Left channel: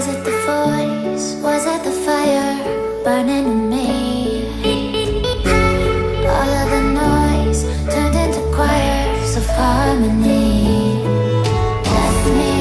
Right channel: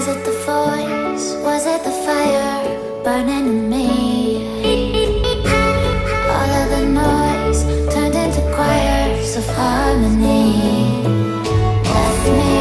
Was it the voice? Was it the fire burning in me? All of the noise turned into choirs of harmony. Left me